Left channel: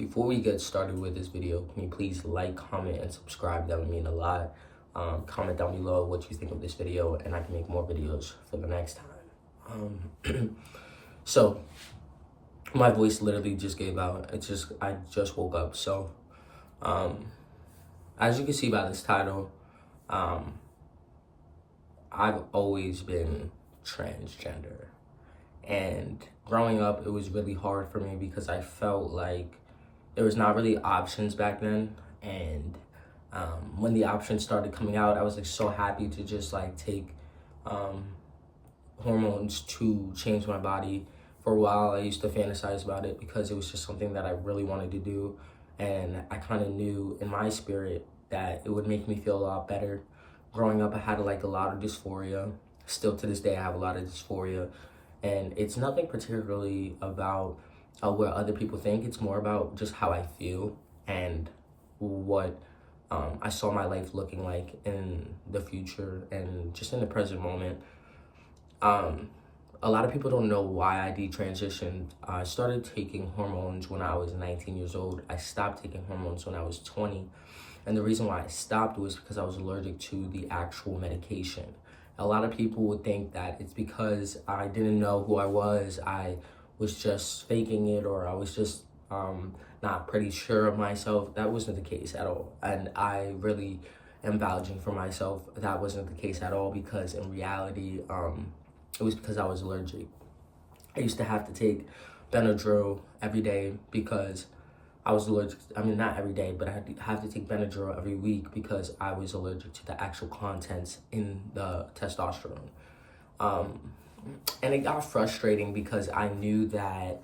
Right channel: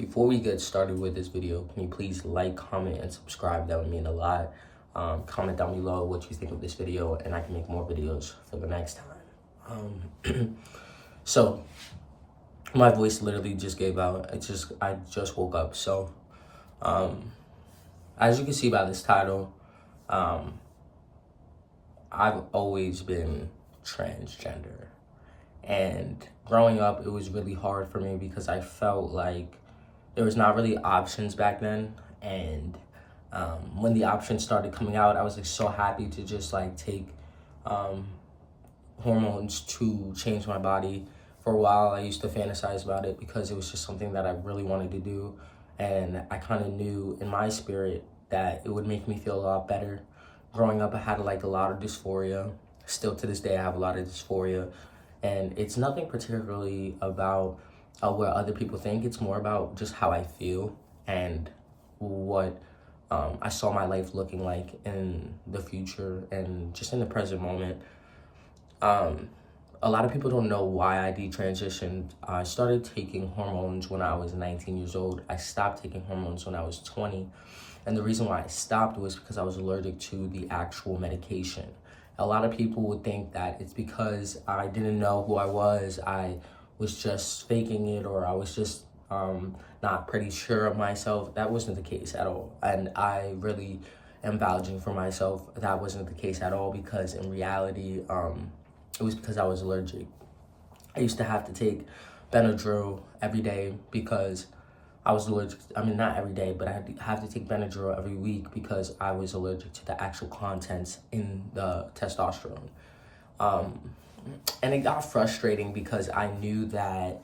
Before we get started with this video, can you please like, comment, and subscribe? That would mean a lot. Comment down below what you think of this video, and I can make more videos for the next time. So, my voice literally just gave out. I just woke up. So, as you can see by this title, I've always been transgender. And growing up, it was really hard for me because I felt like there was not really options back then. And when the options started coming out, I was like so happy to just like take hormones to change my body. For a while, I used to fantasize about it because it was just something that I really wanted to do. And I kind of knew in my spirit that it would make me feel a lot better. Growing up, I had like a lot of dysphoria. Still to this day, I have a lot of dysphoria. And it's nothing particularly about what other people think. It's more about just how I feel and what I saw my life looking like in the future and just in the present moment. A lot of people don't know why I detransitioned. I started taking hormones when I was 19 years old. I stopped taking hormones when I was 20. And the reason why I stopped was because I was allergic to the actual medication. A lot of people would think that it's because I didn't know who I was just faking it, or I was just not pretty sure of myself. That wasn't the case at all. And I really am vouching for myself. That wasn't the case at all, because in reality, it was because I was allergic. I used to have to take Benadryl every day because I was allergic. I mean, not every day, but I had to have to take Benadryl every week because I was allergic to the actual contents in the testosterone. And it got frustrating because I knew that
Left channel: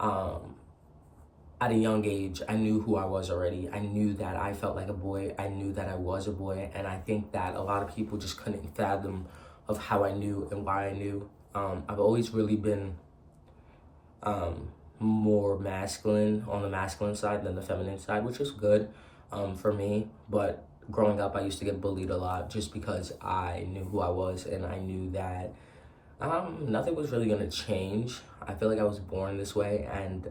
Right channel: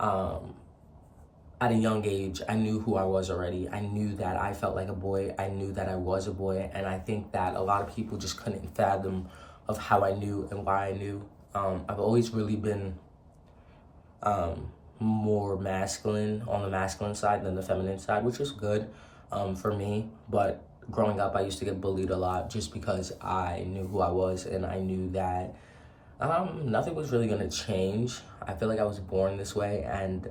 at a young age, I knew who I was already. I knew that I felt like a boy. I knew that I was a boy. And I think that a lot of people just couldn't fathom of how I knew and why I knew. I've always really been more masculine, on the masculine side than the feminine side, which is good for me. But growing up, I used to get bullied a lot just because I knew who I was, and I knew that nothing was really gonna change. I feel like I was born this way, and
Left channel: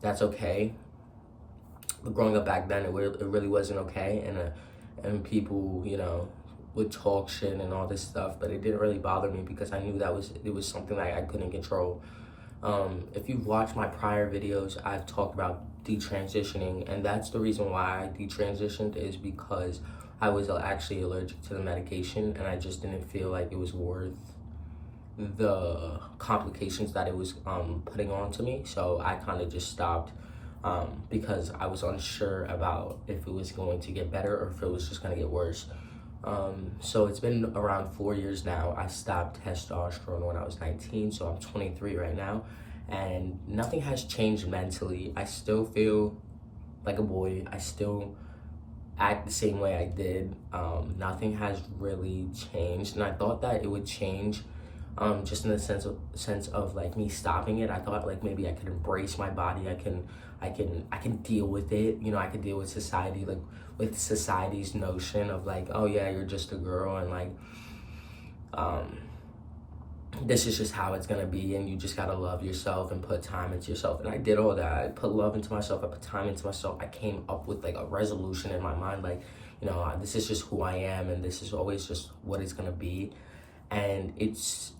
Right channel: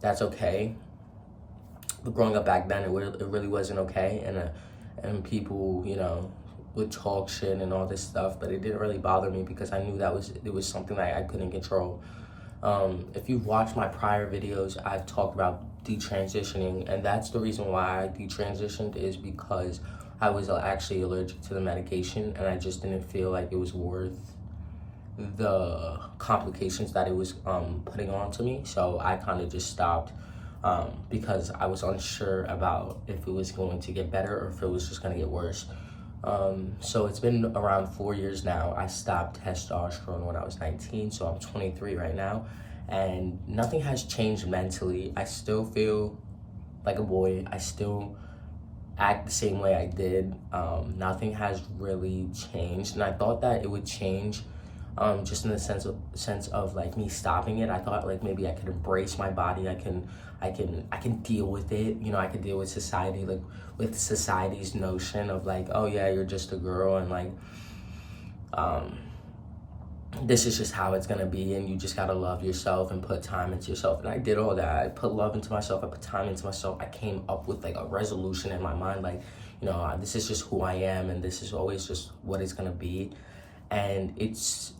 that's okay. But growing up back then, it really wasn't okay, and people, would talk shit and all this stuff, but it didn't really bother me because I knew it was something that I couldn't control. If you've watched my prior videos, I've talked about detransitioning, and that's the reason why I detransitioned, is because I was actually allergic to the medication, and I just didn't feel like it was worth the complications that it was putting on to me. So I kind of just stopped because I was unsure about if it was going to get better or if it was just going to get worse. So it's been around 4 years now. I stopped testosterone when I was 19, so I'm 23 right now, and nothing has changed mentally. I still feel like a boy. I still act the same way I did. Nothing has really changed, and I thought that it would change just in the sense of like me stopping it. I thought like maybe I could embrace my body. I can deal with it. I could deal with society, like with society's notion of like, oh yeah, you're just a girl, and like this is just how it's gonna be, and you just gotta love yourself and put time into yourself. And I did all that. I put love into myself. I put time into myself. I came up with like a resolution in my mind, like, this is just who I am, and this is always just what it's gonna be. And it's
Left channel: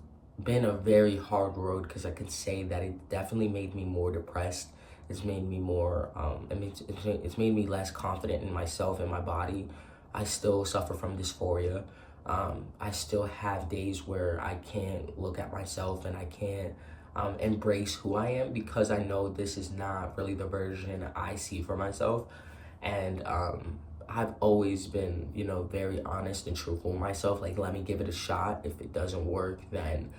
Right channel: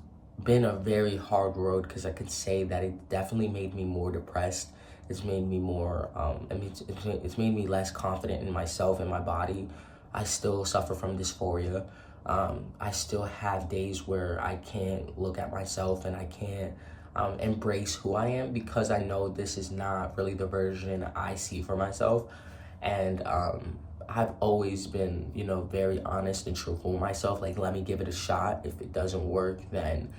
been a very hard road, because I can say that it definitely made me more depressed. It's made me more, it's made me less confident in myself and my body. I still suffer from dysphoria. I still have days where I can't look at myself and I can't embrace who I am, because I know this is not really the version I see for myself. And I've always been, very honest and truthful with myself. Like, let me give it a shot. If it doesn't work, then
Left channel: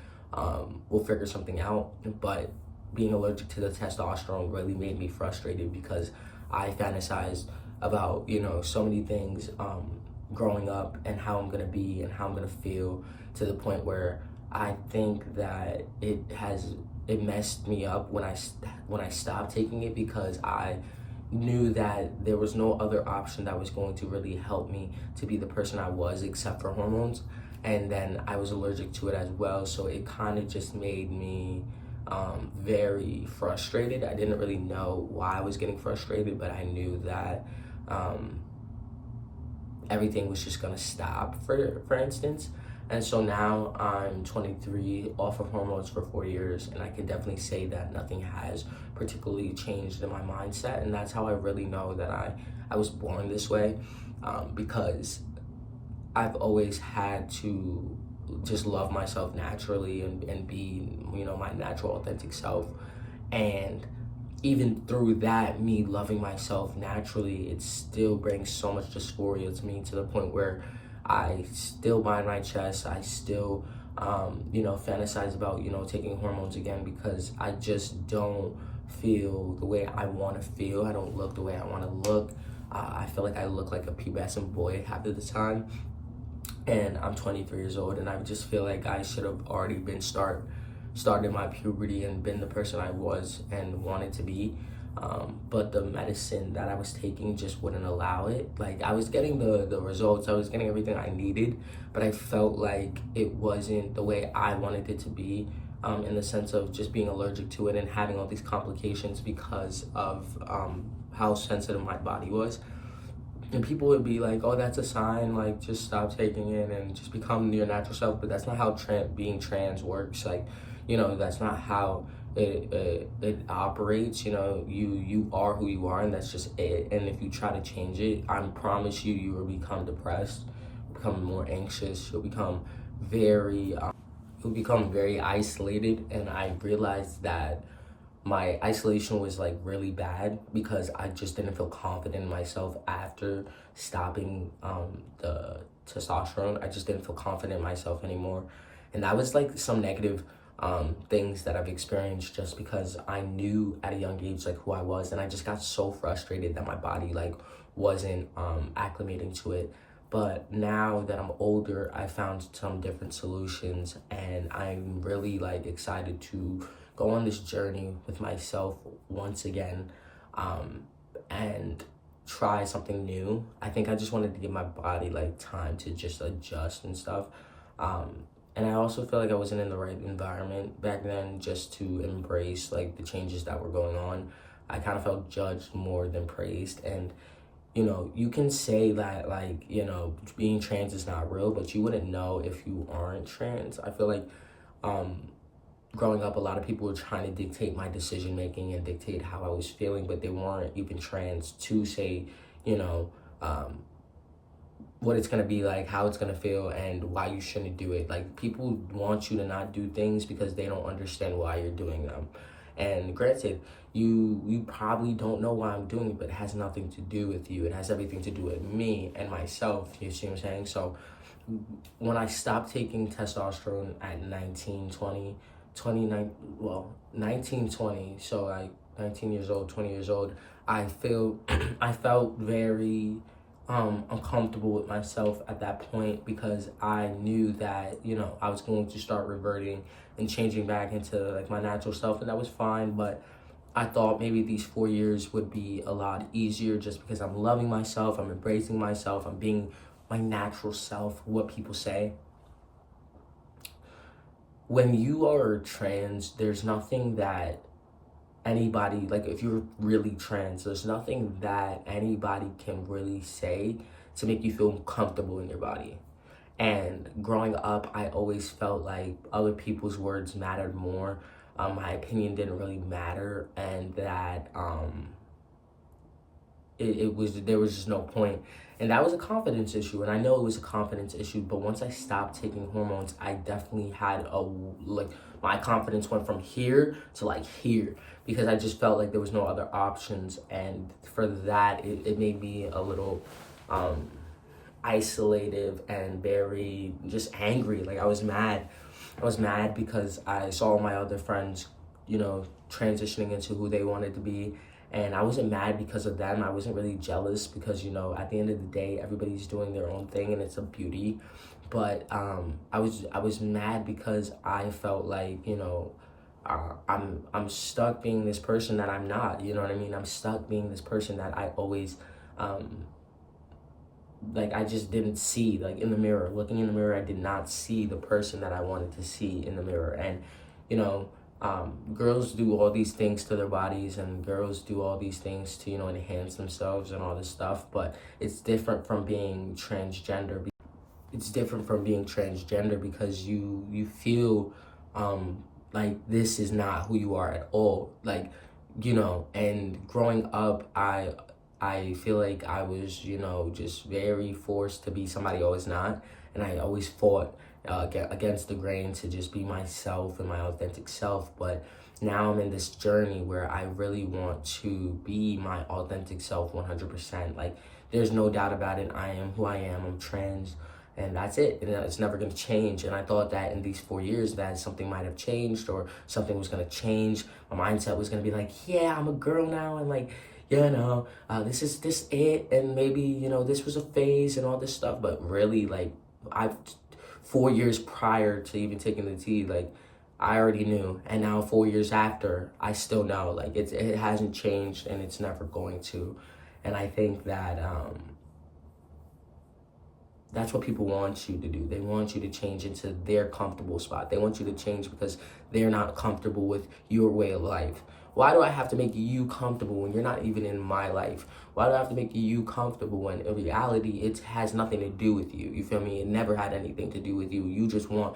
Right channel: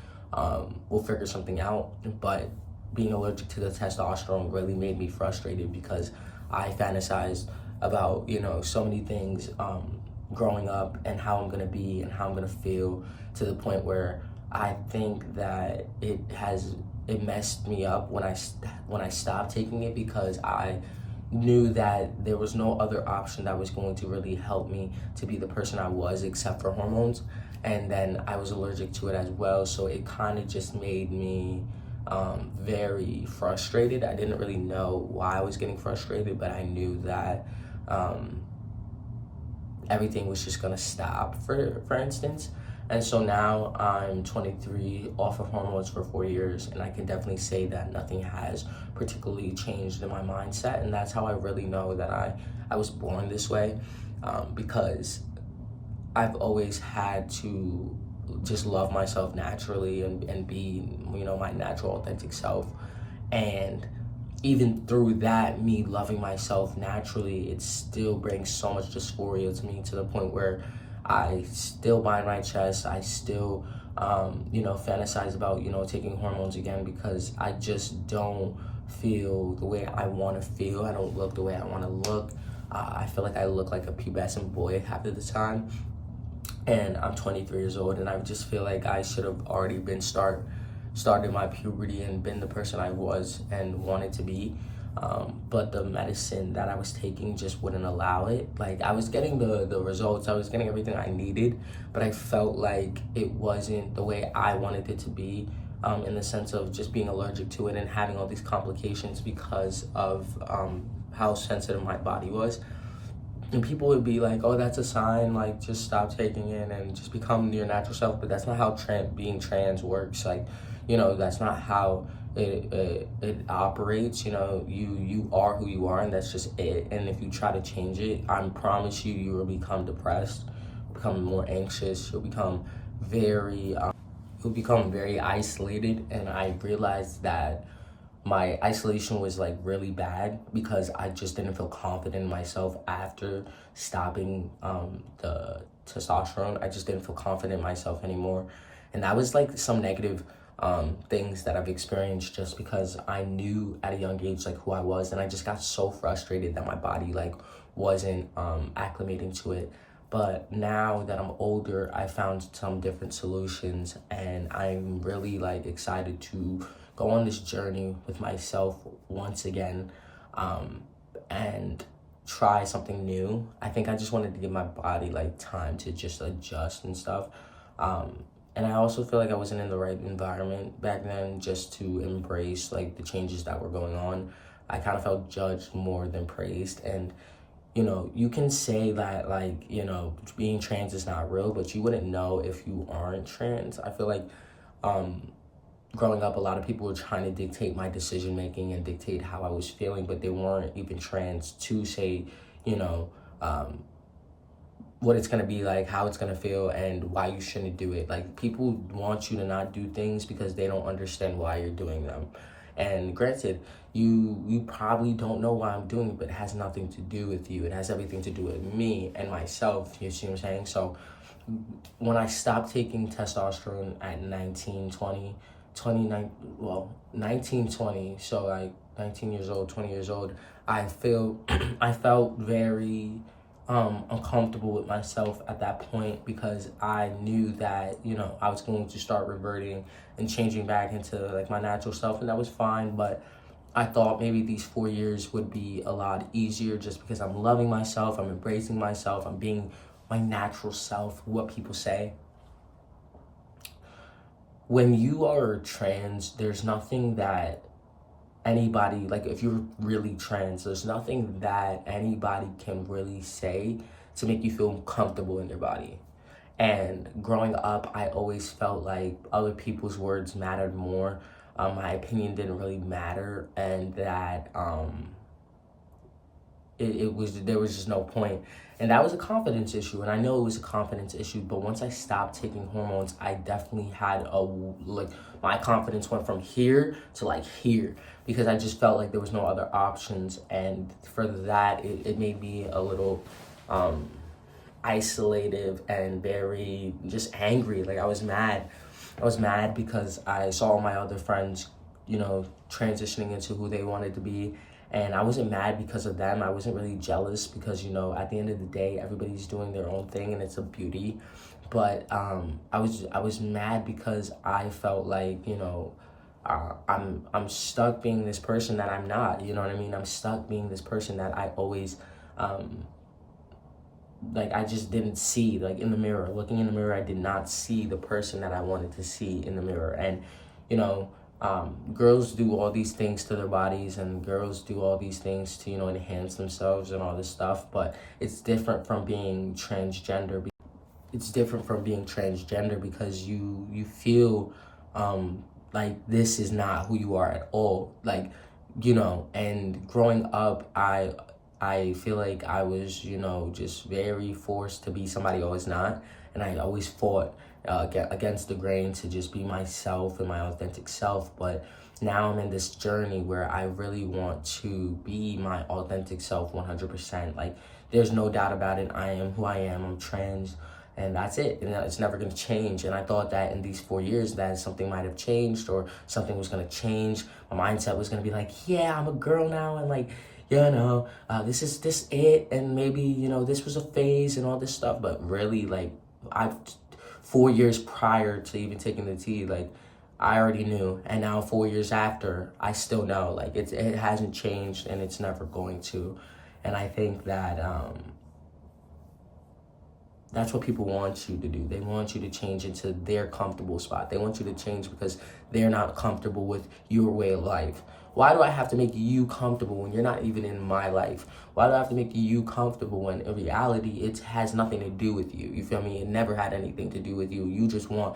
we'll figure something out. But being allergic to the testosterone really made me frustrated, because I fantasized about, so many things growing up, and how I'm gonna be and how I'm gonna feel, to the point where I think that it messed me up when I stopped taking it, because I knew that there was no other option that was going to really help me to be the person I was, except for hormones. And then I was allergic to it as well, so it kind of just made me very frustrated. I didn't really know why I was getting frustrated, but I knew that everything was just gonna stop, for instance. And so now I'm 23, off of hormones for 4 years, and I can definitely say that nothing has particularly changed in my mindset. And that's how I really know that I was born this way, because I've always had to just love myself naturally and be, my natural, authentic self. And even through that, me loving myself naturally, it still brings so much dysphoria to me, to the point where I still bind my chest. I still, fantasize about, taking hormones again, because I just don't feel the way I want to feel. I don't look the way I want to look. I feel like I look like a pubescent boy half of the time. And I'm 23 years old, and I just feel like I should have already been started my puberty and been the person I was and wanted to be. But the medicine that I was taking just wouldn't allow it. Like, I was getting the results, I was getting everything I needed, but I felt like it wasn't the way I wanted it to be, in the sense of just being allergic to it and having all these complications because of how sensitive my body was. And people would be like, oh, that's a sign, like, just stop taking it and just become your natural self. But that's not how being trans works. Like, that's not how it operates. You are who you are, and that's just it. And if you try to change it, I promise you will become depressed, become more anxious, you'll become very isolated. And I realized that my isolation was like really bad because I just didn't feel confident in myself after stopping the testosterone. I just didn't feel confident in myself anymore. And that was like some negative things that I've experienced, just because I knew at a young age like who I was, and I just got so frustrated that my body like wasn't acclimating to it. But now that I'm older, I found some different solutions, and I'm really like excited to go on this journey with myself once again, and try something new. I think I just wanted to give my body like time to just adjust and stuff. And I also feel like I wasn't in the right environment back then just to embrace like the changes that were going on. I kind of felt judged more than praised. And you can say that like, being trans is not real, but you wouldn't know if you aren't trans. I feel like growing up, a lot of people were trying to dictate my decision making and dictate how I was feeling, but they weren't even trans to say, what it's gonna be like, how it's gonna feel, and why you shouldn't do it. Like, people want you to not do things because they don't understand why you're doing them. And granted, you probably don't know why I'm doing it, but it has nothing to do with you. It has everything to do with me and myself. You see what I'm saying? So when I stopped taking testosterone at 19, 20, 29, well, 19, 20, so like 19 years old, 20 years old, I felt very uncomfortable with myself at that point, because I knew that, I was going to start reverting and changing back into like my natural self, and that was fine. But I thought maybe these 4 years would be a lot easier, just because I'm loving myself, I'm embracing myself, I'm being my natural self, what people say. When you are trans, there's nothing that anybody, like if you're really trans, there's nothing that anybody can really say to make you feel comfortable in your body. And growing up, I always felt like other people's words mattered more. My opinion didn't really matter, and that there was just no point. And that was a confidence issue, and I know it was a confidence issue. But once I stopped taking hormones, I definitely had my confidence went from here to like here, because I just felt like there was no other options. And for that, it made me a little isolated and very just angry. Like, I was mad because I saw my other friends, transitioning into who they wanted to be. And I wasn't mad because of them. I wasn't really jealous, because, at the end of the day, everybody's doing their own thing, and it's a beauty. But I was mad because I felt like, I'm stuck being this person that I'm not. You know what I mean? I'm stuck being this person that I always I just didn't see. Like, in the mirror, looking in the mirror, I did not see the person that I wanted to see in the mirror. And girls do all these things to their bodies, and girls do all these things to, you know, enhance themselves and all this stuff, but it's different from being transgender. It's different from being transgender because you feel like this is not who you are at all, like, you know. And growing up, I feel like I was, you know, just very forced to be somebody I was not, and I always fought against the grain to just be myself and my authentic self. But now I'm in this journey where I really want to be my authentic self 100%. Like, there's no doubt about it. I am who I am. I'm trans, and that's it. And it's never going to change. And I thought that in these 4 years that something might have changed, or something was going to change. My mindset was going to be like, yeah, I'm a girl now, and like, you know, this is it, and maybe, you know, this was a phase and all this stuff. But really, like, 4 years prior to even taking the tea, like, I already knew. And now 4 years after, I still know. Like, it hasn't changed, and it's never going to. And I think that that's what people want you to do. They want you to change into their comfortable spot. They want you to change because they're not comfortable with your way of life. Why do I have to make you comfortable when you're not even in my life? Why do I have to make you comfortable when in reality it has nothing to do with you? You feel me? It never had anything to do with you. You just want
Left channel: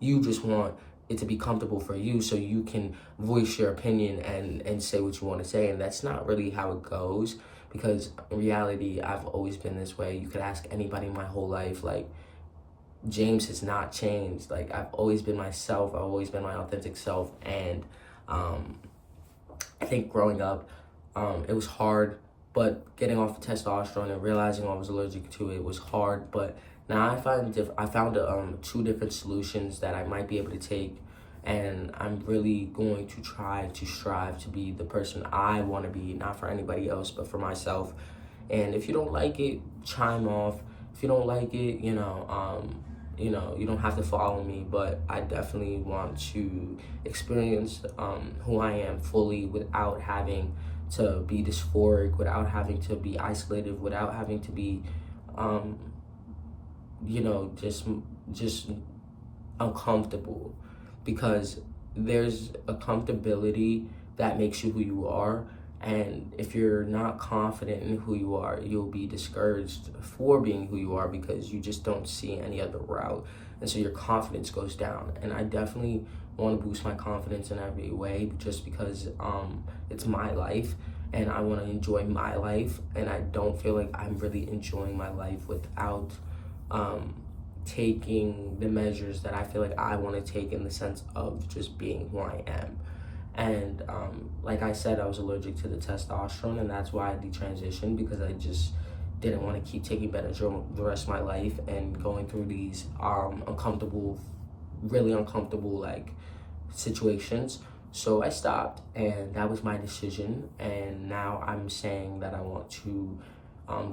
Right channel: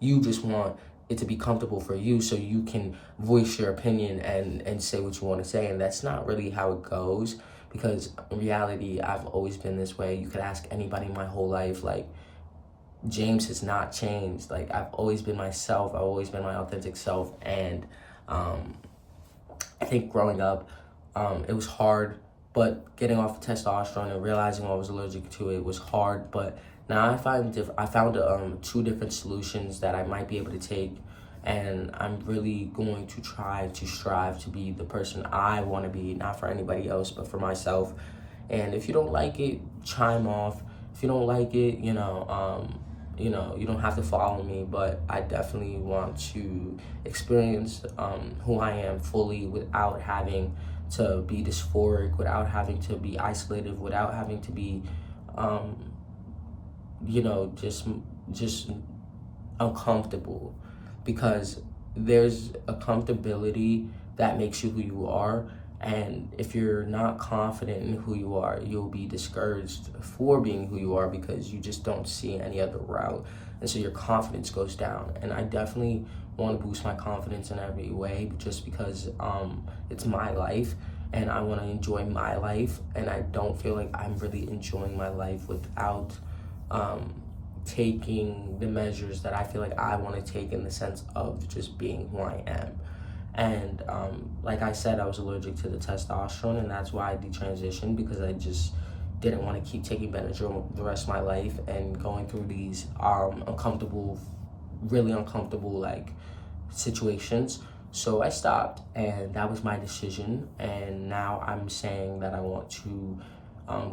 it to be comfortable for you so you can voice your opinion and say what you want to say. And that's not really how it goes, because in reality, I've always been this way. You could ask anybody my whole life. Like, James has not changed. Like, I've always been myself. I've always been my authentic self. And I think growing up, it was hard, but getting off of testosterone and realizing I was allergic to it was hard. But now I found 2 different solutions that I might be able to take, and I'm really going to try to strive to be the person I want to be, not for anybody else, but for myself. And if you don't like it, chime off. If you don't like it, you know, you don't have to follow me, but I definitely want to experience who I am fully without having to be dysphoric, without having to be isolated, without having to be, you know, just uncomfortable. Because there's a comfortability that makes you who you are. And if you're not confident in who you are, you'll be discouraged for being who you are because you just don't see any other route. And so your confidence goes down. And I definitely want to boost my confidence in every way, just because it's my life and I want to enjoy my life. And I don't feel like I'm really enjoying my life without taking the measures that I feel like I want to take, in the sense of just being who I am. And like I said, I was allergic to the testosterone, and that's why I detransitioned, because I just didn't want to keep taking Benadryl the rest of my life and going through these really uncomfortable like situations. So I stopped, and that was my decision. And now I'm saying that I want to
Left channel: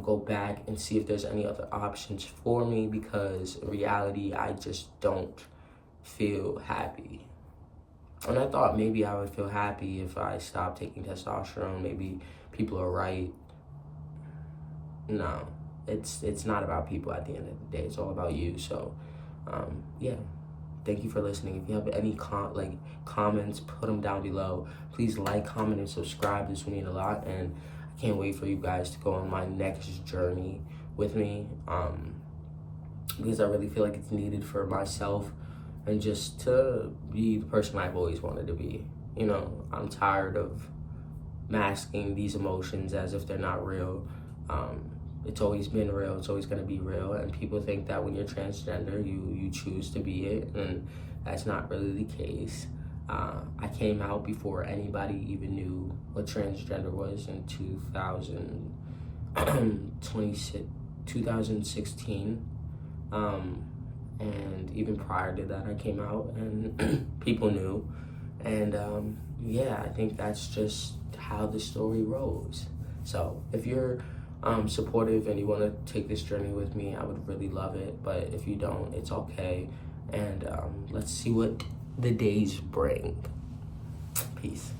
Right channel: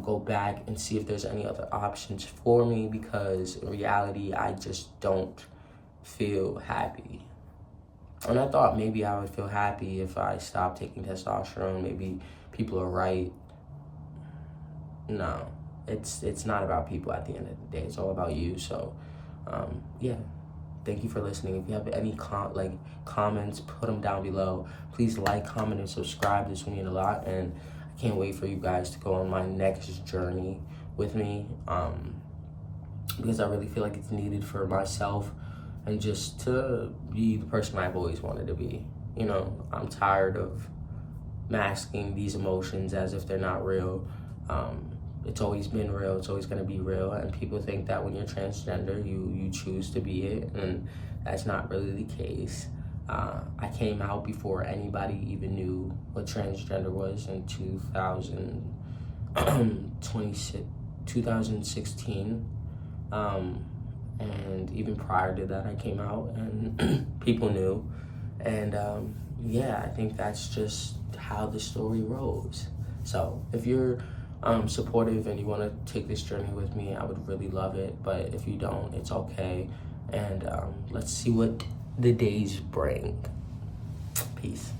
go back and see if there's any other options for me, because in reality, I just don't feel happy. And I thought maybe I would feel happy if I stopped taking testosterone. Maybe people are right. No, it's not about people at the end of the day. It's all about you. So, yeah. Thank you for listening. If you have any comments, put them down below. Please like, comment, and subscribe. This will mean a lot. And I can't wait for you guys to go on my next journey with me, because I really feel like it's needed for myself, and just to be the person I've always wanted to be. You know, I'm tired of masking these emotions as if they're not real. It's always been real. It's always going to be real. And people think that when you're transgender, you choose to be it. And that's not really the case. I came out before anybody even knew what transgender was in 2016. And even prior to that, I came out and people knew. And yeah, I think that's just how the story rolls. So if you're supportive and you want to take this journey with me, I would really love it. But if you don't, it's okay. And let's see what the days bring. Peace.